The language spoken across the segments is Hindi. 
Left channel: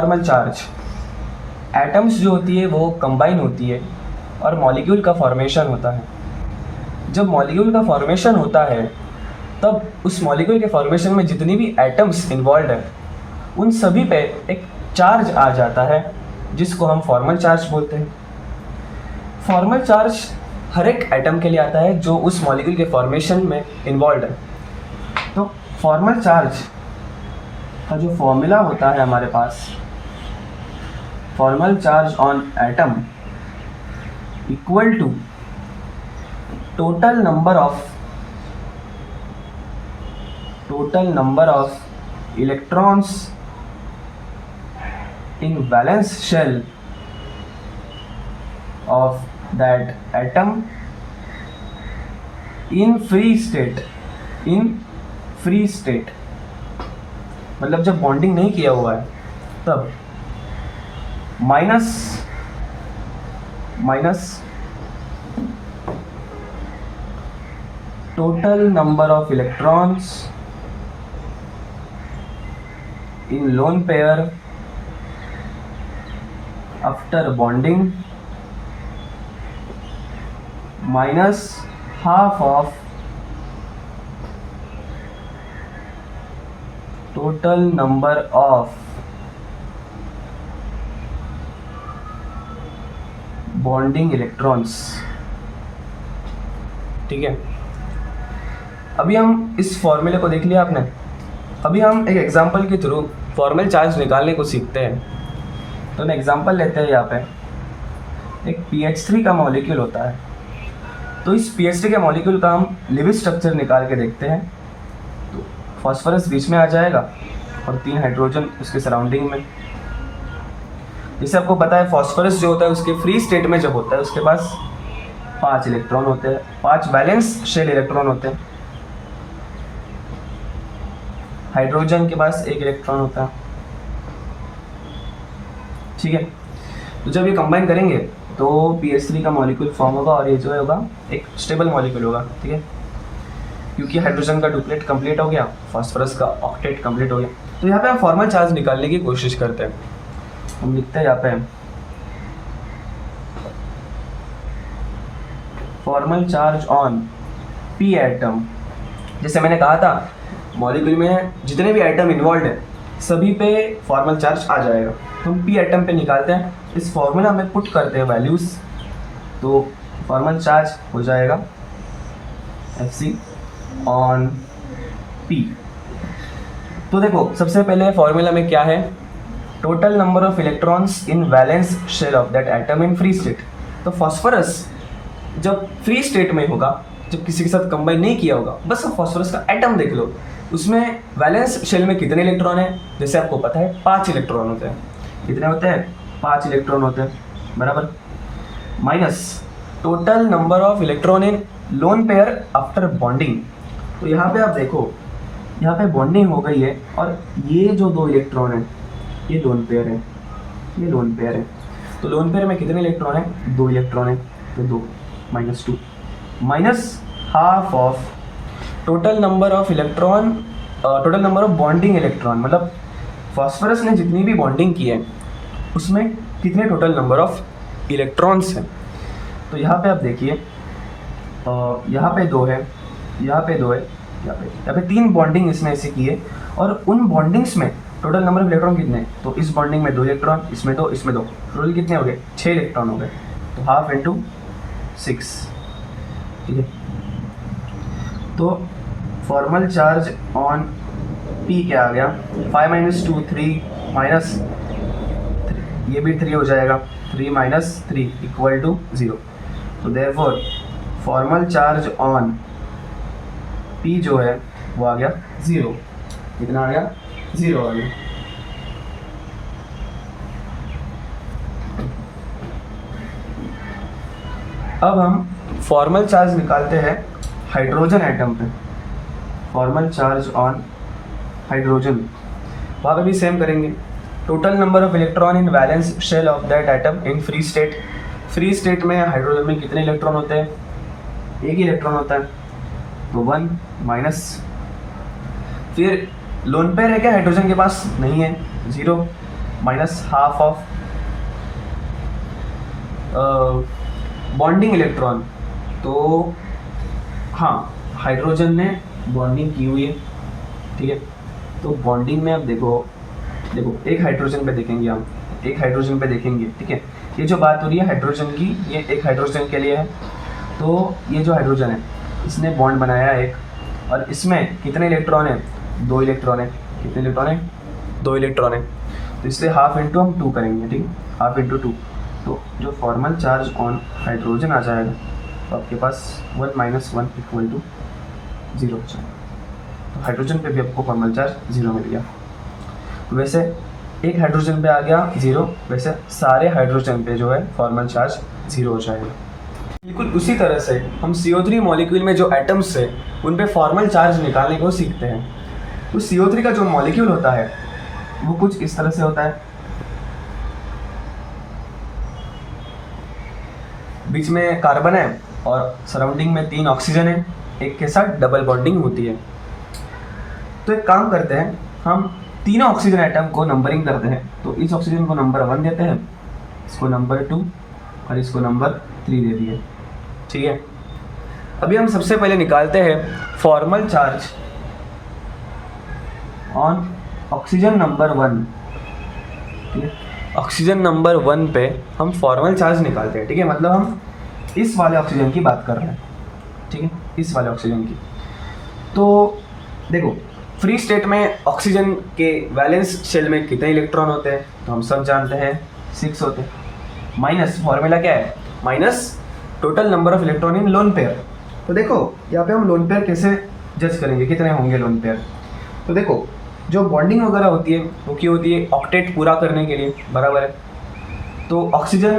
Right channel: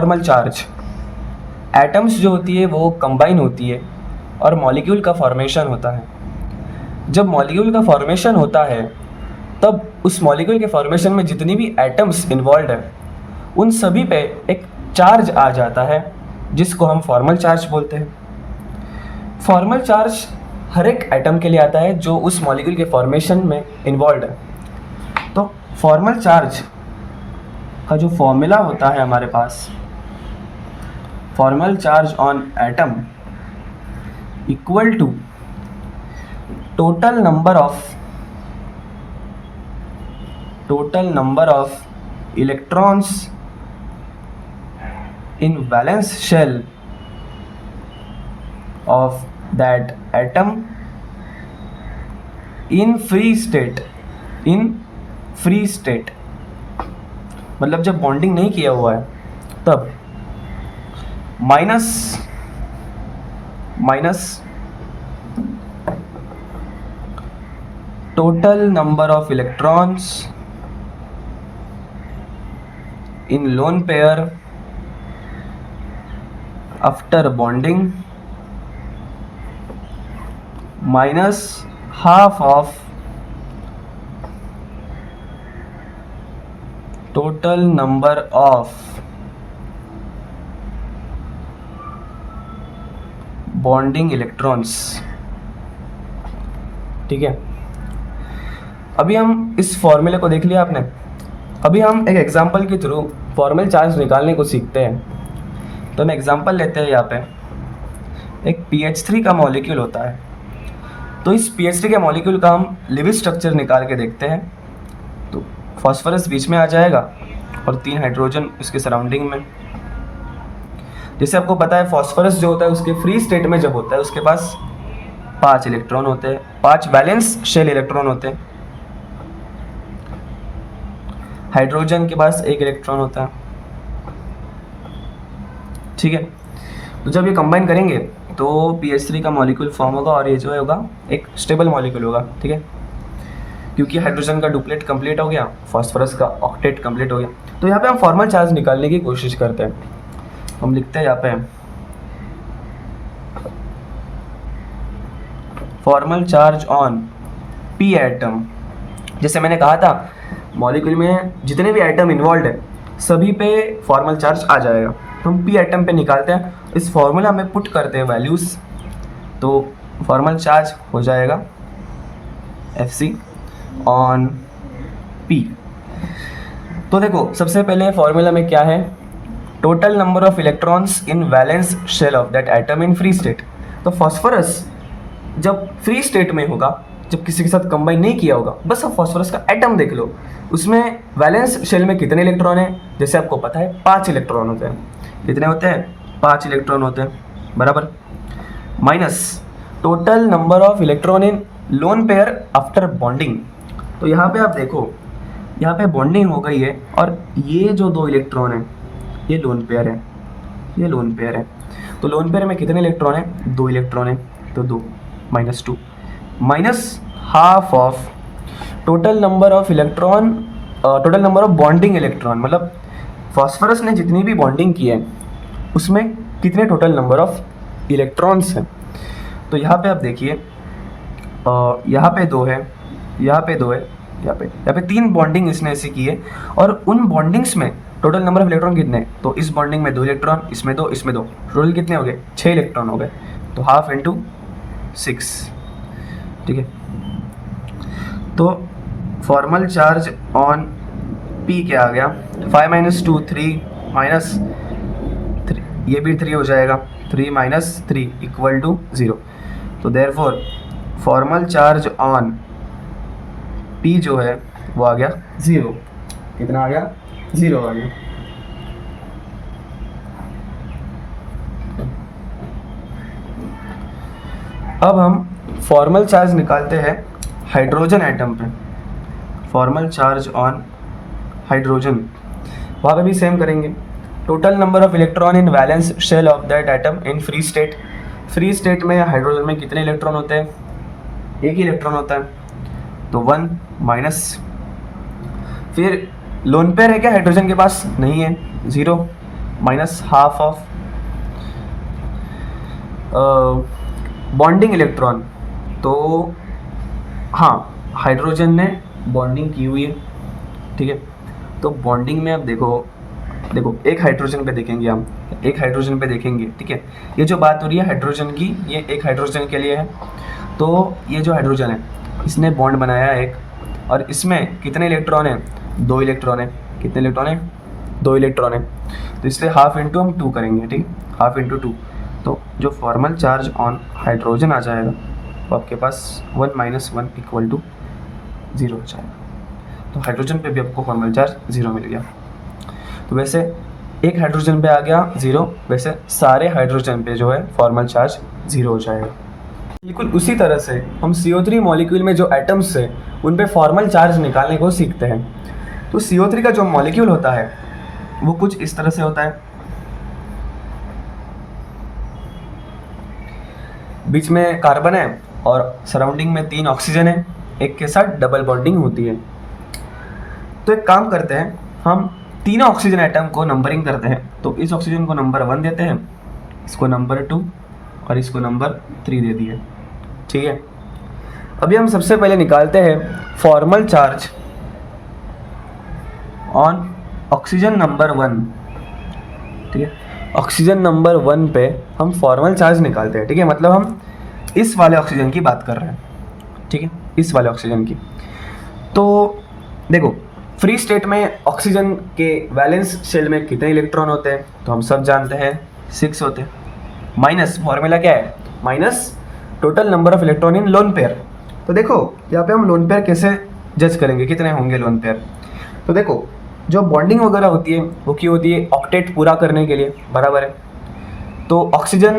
फॉर्मल चार्ज, एटम्स जो होती है वो कंबाइन होती है और मॉलिक्यूल का फॉर्मेशन होता है। जब मॉलिक्यूल का फॉर्मेशन होता है तब उस मॉलिक्यूल के फॉर्मेशन में जितनी भी एटम्स इन्वॉल्व है उन सभी पे एक चार्ज आ जाता है जिसको हम फॉर्मल चार्ज बोलते हैं। फॉर्मल चार्ज हर एक एटम के लिए आता है जो उस मॉलिक्यूल के फॉर्मेशन में इन्वॉल्व है। तो फॉर्मल चार्ज का जो फॉर्मूला होता है हमारे पास, formal charge on atom equal to total number of electrons in valence shell of that atom in free state मतलब जब बॉन्डिंग नहीं किया हुआ है तब minus total number of electrons in lone pair after bonding minus half of total number of bonding electrons। ठीक है, अभी हम इस फॉर्मूले को देख लिया आपने। अभी हम एक एग्जांपल के थ्रू फॉर्मल चार्ज निकालने को सीखते हैं। तो हम एग्जांपल लेते हैं। यहाँ पे एक PH3 का मॉलिक्यूल होता है। तो इस PH3 के मॉलिक्यूल का हम लिविज स्ट्रक्चर निकाल के देखते हैं। तो फॉस्फोरस बीच में आ जाएगा और 3 हाइड्रोजन उसके सराउंडिंग में। जैसे आपको पता है फॉस्फोरस जो होता है उसके फ्री स्टेट में जब होता है उसके पास 5 इलेक्ट्रॉन होते हैं, 5 बैलेंस शेल इलेक्ट्रॉन होते हैं। हाइड्रोजन के पास 1 इलेक्ट्रॉन होता है। ठीक है, तो जब ये कंबाइन करेंगे तो PH3 का मॉलिक्यूल फॉर्म होगा और ये जो होगा एक स्टेबल मॉलिक्यूल होगा। ठीक है, क्योंकि हाइड्रोजन का डुप्लेट कंप्लीट हो गया, फॉस्फोरस का ऑक्टेट कंप्लीट हो गया। तो यहाँ पे हम फॉर्मल चार्ज निकालने की कोशिश करते हैं। हम लिखते हैं यहाँ पे formal charge on P atom. जैसे मैंने कहा था मॉलिक्यूल में जितने भी एटम इन्वॉल्व है सभी पे फॉर्मल चार्ज आ जाएगा। तो हम P एटम पे निकालते हैं, इस फॉर्मूला में पुट करते हैं वैल्यूज़। तो फॉर्मल चार्ज हो जाएगा Fc ऑन P। तो देखो सबसे पहले फॉर्मूला में क्या है, total number of electrons in valence shell of that atom in free state. तो फॉस्फोरस जब फ्री स्टेट में होगा, जब किसी के साथ कंबाइन नहीं किया होगा, बस अब फॉस्फोरस का एटम देख लो, उसमें वैलेंस शेल में कितने इलेक्ट्रॉन है। जैसे आपको पता है 5 इलेक्ट्रॉन होते हैं। कितने होते हैं? 5 इलेक्ट्रॉन होते हैं, बराबर। Minus total number of electron in lone pair after bonding. तो यहाँ पे आप देखो, यहाँ पे बॉन्डिंग हो गई है और ये जो 2 इलेक्ट्रॉन है ये लोन पेयर है, ये लोन पेयर है। तो लोन पेयर में कितने इलेक्ट्रॉन है? 2 इलेक्ट्रॉन है। तो 2 minus 2 minus half of total number of electron, total number of bonding electron. मतलब फॉस्फोरस ने जितनी भी बॉन्डिंग की है उसमें कितने टोटल नंबर ऑफ इलेक्ट्रॉन्स हैं। तो यहाँ पे आप देखिए, यहाँ पे 2 है, यहाँ पे 2 है, यहाँ पे 3 बॉन्डिंग इसने ऐसी की है। और उन बॉन्डिंग्स में टोटल नंबर ऑफ इलेक्ट्रॉन कितने हैं? तो इस बॉन्डिंग में 2 इलेक्ट्रॉन, इसमें 2, इसमें 2, टोटल कितने हो गए? 6 इलेक्ट्रॉन हो गए। तो हाफ इंटू 6। ठीक है, तो फॉर्मल चार्ज ऑन P क्या आ गया? 5 माइनस 2 3 माइनस 3, ये भी 3 हो जाएगा। 3 माइनस 3 इक्वल टू 0। तो therefore formal charge on P जो है वो आ गया 0। कितना आ गया? 0 आ गया। अब हम फॉर्मल चार्ज निकालते हैं हाइड्रोजन एटम पे। फॉर्मल चार्ज ऑन हाइड्रोजन, वहाँ पे भी सेम करेंगे। Total number of electron in valence shell of that atom in free state. Free state में हाइड्रोजन में कितने इलेक्ट्रॉन होते हैं? 1 ही इलेक्ट्रॉन होता है। तो 1 माइनस, फिर लोन पेयर है क्या हाइड्रोजन के पास? नहीं है, 0। Minus half of bonding electron. तो हाँ, हाइड्रोजन ने बॉन्डिंग की हुई है, ठीक है। तो बॉन्डिंग में अब देखो एक हाइड्रोजन पे देखेंगे हम, एक हाइड्रोजन पे देखेंगे, ठीक है। ये जो बात हो रही है हाइड्रोजन की, ये एक हाइड्रोजन के लिए है। तो ये जो हाइड्रोजन है इसने बॉन्ड बनाया एक, और इसमें कितने इलेक्ट्रॉन है? 2 इलेक्ट्रॉन है। कितने इलेक्ट्रॉन है? 2 इलेक्ट्रॉन है। तो इसलिए हाफ इंटू हम 2 करेंगे, ठीक, हाफ इंटू 2। तो जो फॉर्मल चार्ज ऑन हाइड्रोजन आ जाएगा तो आपके पास 1 - 1 = 0 हो जाएगा। तो हाइड्रोजन पे भी आपको फॉर्मल चार्ज 0 मिल गया। तो वैसे एक हाइड्रोजन पे आ गया 0, वैसे सारे हाइड्रोजन पे जो है फॉर्मल चार्ज 0 हो जाएगा। बिल्कुल उसी तरह से हम CO3 मॉलिक्यूल में जो एटम्स है उन पे फॉर्मल चार्ज निकालने को सीखते हैं। तो CO3 का जो मॉलिक्यूल होता है वो कुछ इस तरह से होता है। बीच में कार्बन है और सराउंडिंग में 3 ऑक्सीजन है, एक के साथ डबल बॉन्डिंग होती है। तो एक काम करते हैं, हम तीनों ऑक्सीजन एटम को नंबरिंग करते हैं। तो इस ऑक्सीजन को नंबर 1 देते हैं, इसको नंबर 2 और इसको नंबर 3 दे दिए, ठीक है। अभी हम सबसे पहले निकालते हैं formal charge on oxygen number 1, ठीक है। ऑक्सीजन नंबर 1 पे हम फॉर्मल चार्ज निकालते हैं, ठीक है। मतलब हम इस वाले ऑक्सीजन की बात कर रहे हैं, ठीक है, इस वाले ऑक्सीजन की। तो देखो फ्री स्टेट में ऑक्सीजन के वैलेंस शेल में कितने इलेक्ट्रॉन होते हैं? तो हम सब जानते हैं 6 होते हैं। माइनस फॉर्मूला क्या है? Minus total number of electron in lone pair. तो देखो यहाँ पे हम लोन पेयर कैसे जज करेंगे, कितने होंगे लोन पेयर? तो देखो जो बॉन्डिंग वगैरह होती है वो क्यों होती है? ऑक्टेट पूरा करने के लिए, बराबर है। तो ऑक्सीजन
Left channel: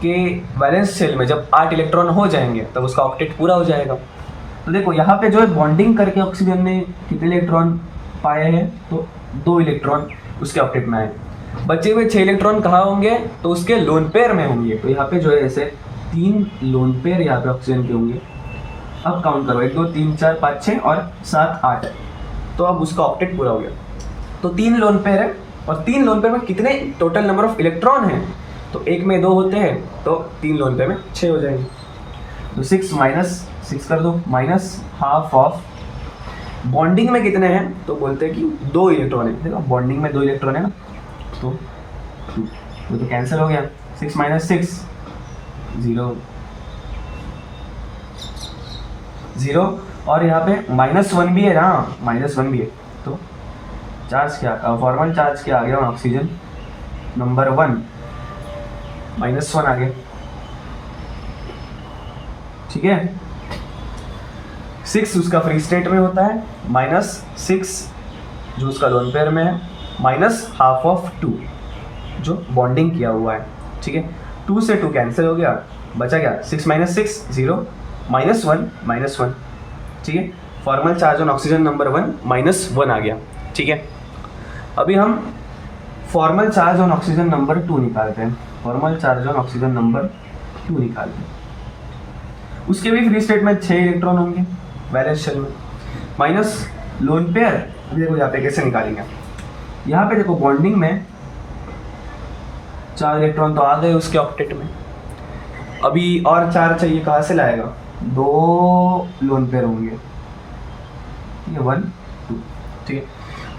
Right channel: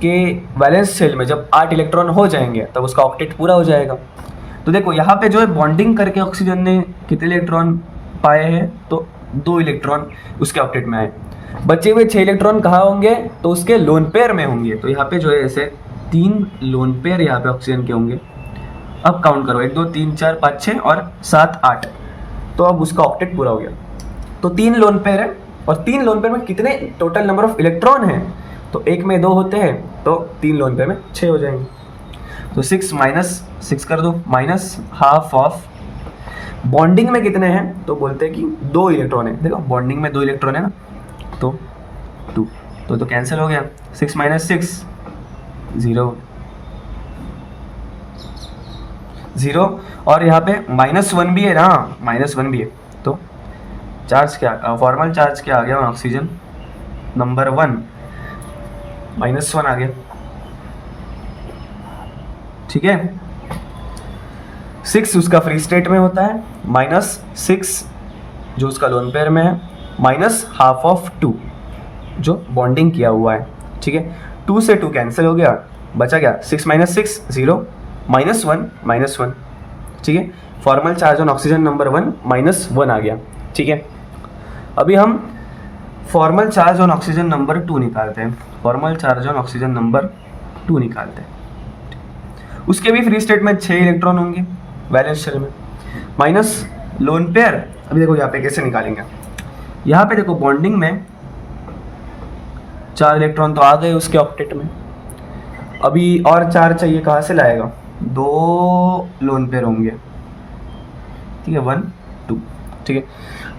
के वैलेंस शेल में जब 8 इलेक्ट्रॉन हो जाएंगे तब उसका ऑक्टेट पूरा हो जाएगा। तो देखो यहाँ पे जो है बॉन्डिंग करके ऑक्सीजन ने कितने इलेक्ट्रॉन पाए हैं? तो 2 इलेक्ट्रॉन उसके ऑक्टेट में आए। बचे हुए 6 इलेक्ट्रॉन कहाँ होंगे? तो उसके लोन पेयर में होंगे। तो यहाँ पे जो है ऐसे 3 लोन पेयर यहाँ पे ऑक्सीजन के होंगे। अब काउंट करो, 1 2 3 4 5 6 और 7 8। तो अब उसका ऑक्टेट पूरा हो गया। तो 3 लोन पेयर है, और 3 लोन पेयर में कितने टोटल नंबर ऑफ इलेक्ट्रॉन हैं? तो एक में 2 होते हैं, तो 3 लोन पेयर में 6 हो जाएंगे। तो 6 - 6 कर दो, माइनस हाफ ऑफ बॉन्डिंग में कितने हैं? तो बोलते हैं कि 2 इलेक्ट्रॉन है। देखो बॉन्डिंग में 2 इलेक्ट्रॉन है ना, तो 2 तो कैंसिल हो गया। 6 - 6 0 0, और यहाँ पे -1 भी है ना, -1 भी है। तो चार्ज क्या, फॉर्मल चार्ज क्या आ गया? ऑक्सीजन नंबर 1 -1 आ गया, ठीक है। 6 उसका फ्री स्टेट में होता है, -6 जो उसका लोन पेयर में है, माइनस हाफ ऑफ 2 जो बॉन्डिंग किया हुआ है, ठीक है। 2 से 2 कैंसिल हो गया, बचा क्या? 6 - 6 0, -1 -1, ठीक है। Formal charge on oxygen number 1 -1 आ गया, ठीक है। अभी हम formal charge on oxygen number 2 निकालते हैं। Formal charge on oxygen number 2 निकालते हैं। उसके भी फ्री स्टेट में 6 इलेक्ट्रॉन होंगे वैलेंस शेल में, माइनस लोन पेयर। अभी देखो यहाँ पे कैसे निकालेंगे। यहाँ पे देखो बॉन्डिंग में 4 इलेक्ट्रॉन तो आ गए उसके ऑक्टेट में, अभी और 4 चाहिए, कहाँ से लाएगा? 2 लोन पेयर होंगे, ठीक है, 1 2, ठीक है।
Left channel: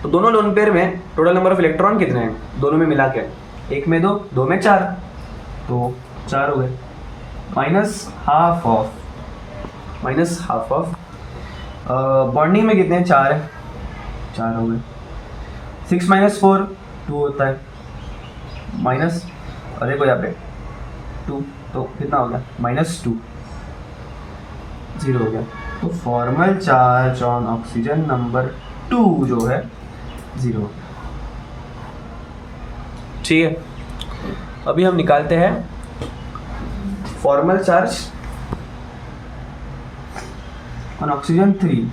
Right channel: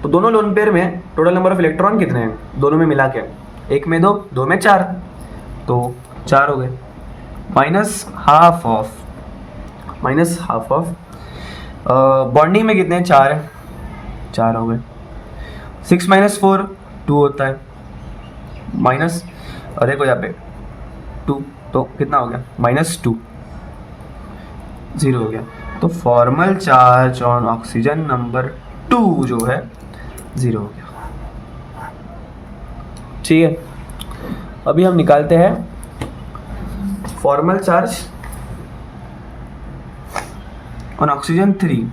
तो दोनों लोन पेयर में टोटल नंबर ऑफ इलेक्ट्रॉन कितने हैं दोनों में मिला के? एक में 2, 2 में 4, तो 4 हो गए, माइनस हाफ ऑफ बॉन्डिंग में कितने हैं? 4 है, 4 हो गए। 6 - 4 2 होता है, माइनस, और देखो यहाँ पे 2, तो कितना हो गया? -2 0 हो गया। तो formal charge on oxygen number 2 जो है 0 हो गया, ठीक है। अभी हम निकालते हैं फॉर्मल चार्ज ऑन ऑक्सीजन 3।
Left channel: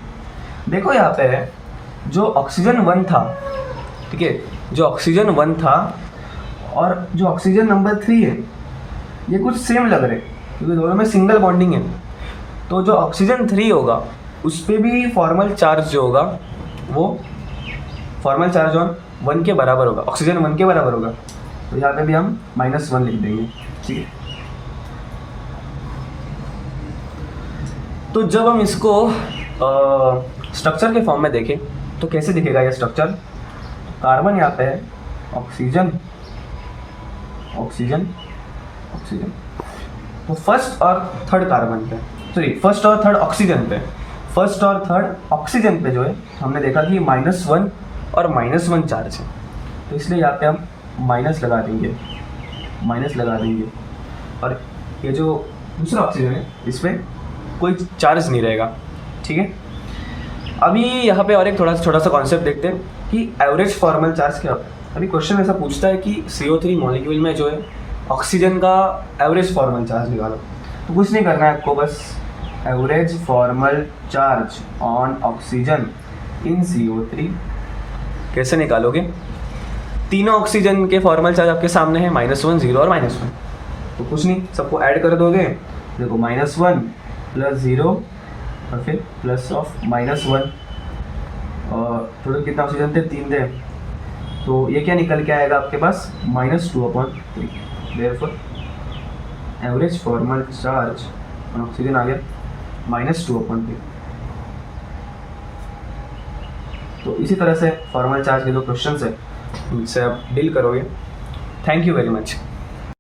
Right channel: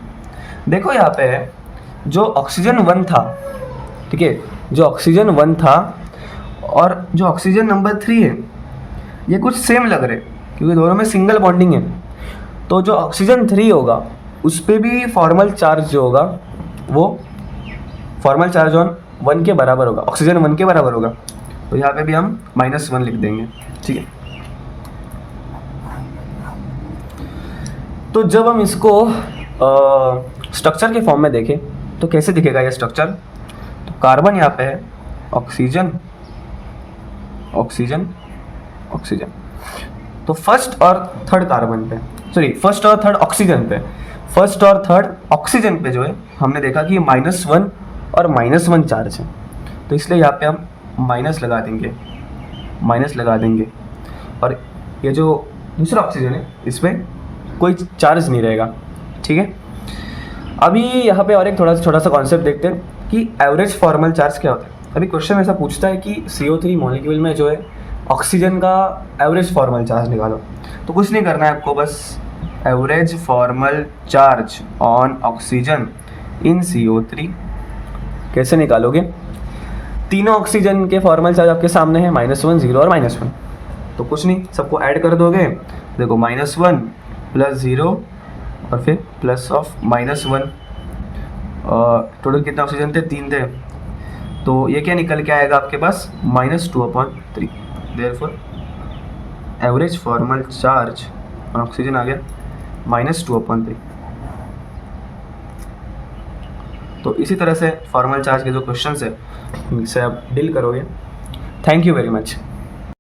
देखो यहाँ पे जो ऑक्सीजन 1 था, ठीक है, जो ऑक्सीजन 1 था और जो ऑक्सीजन नंबर 3 है ये कुछ सेम लग रहे क्योंकि दोनों में सिंगल बॉन्डिंग है। तो जो ऑक्सीजन 3 होगा उस पर भी फॉर्मल चार्ज जो होगा वो फॉर्मल चार्ज ऑन 1 के बराबर होगा, ऑक्सीजन 1 के बराबर होगा, तो यहाँ पे भी हम -1 लिख देंगे, ठीक है। तो जब हम इसको स्ट्रक्चर के फॉर्म में देखें तो कैसे दिखेगा ये स्ट्रक्चर। तो कार्बन यहाँ पे है, ऑक्सीजन ऑक्सीजन ऑक्सीजन, तो फर्स्ट और थर्ड कार्बन पे, सॉरी फर्स्ट और थर्ड ऑक्सीजन पे, फर्स्ट और थर्ड ऑक्सीजन पे जो है हमने देखा कि -1 और -1 चार्ज है, तो इसलिए यहाँ पे हम माइनस लगा देंगे, और ये जो दूसरा ऑक्सीजन है इस पर कोई चार्ज नहीं रहेगा, ठीक है। अभी यहाँ पे और एक छोटा सा कॉन्सेप्ट देखते हैं कि एवरेज फॉर्मल चार्ज क्या होता है। अभी क्वेश्चन ऐसा पूछता है कि CO3 मॉलिक्यूल में जो है ऑक्सीजन का एवरेज फॉर्मल चार्ज निकालो, तो कुछ नहीं करना है आपको, बस average formal charge on oxygen in CO3 कैसे निकालोगे। तीनों ऑक्सीजन के फॉर्मल चार्ज आपके सामने है, -1, 0 और -1, तो कुछ नहीं, सबको ऐड कर दोगे, देखो -1 + 0 और फिर प्लस ऑफ -1, टोटल कितना ऑक्सीजन थे, 3 थे, तो ये क्या निकल के आएगा आपके पास -2/3, therefore average formal charge on oxygen आ गया -2/3। तो इसी तरह से फॉर्मल चार्ज के जो क्वेश्चंस है उनसे आप डील करोगे। Thank you very much.